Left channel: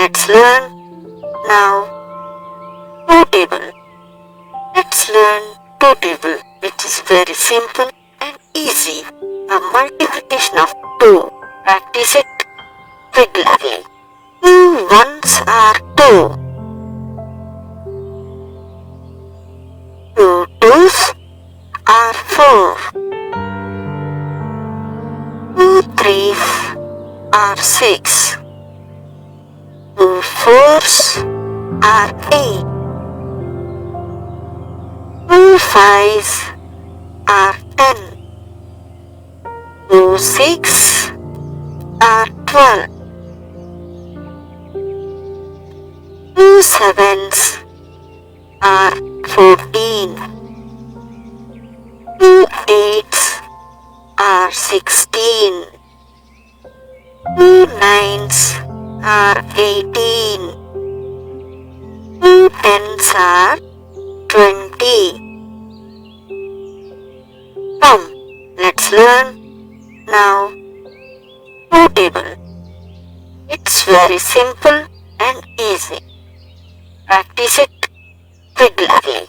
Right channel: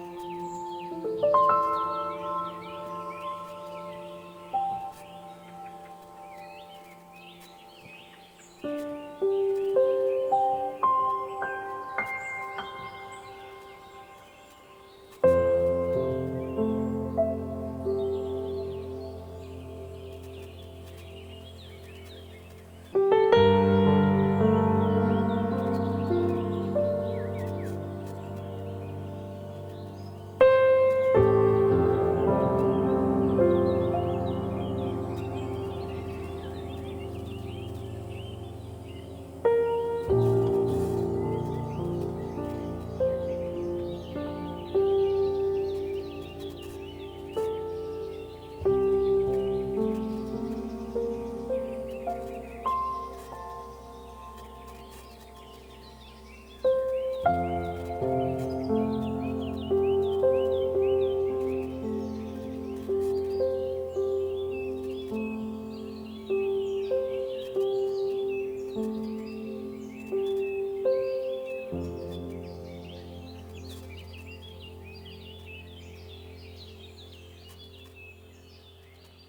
let's learn now two table. Let's learn two table, which is very simple and easy. A multiplication of 2. Practice it regularly. 2 ones are 2. 2 twos are 4. 2 threes are 6. 2 fours are 8. 2 fives are 10. 2 six are 12. 2 sevens are 14. 2 eights are 16. 2 nines are 18. 2 tens are 20. Come, let's learn now two table. It's very simple and easy. Practice it regularly.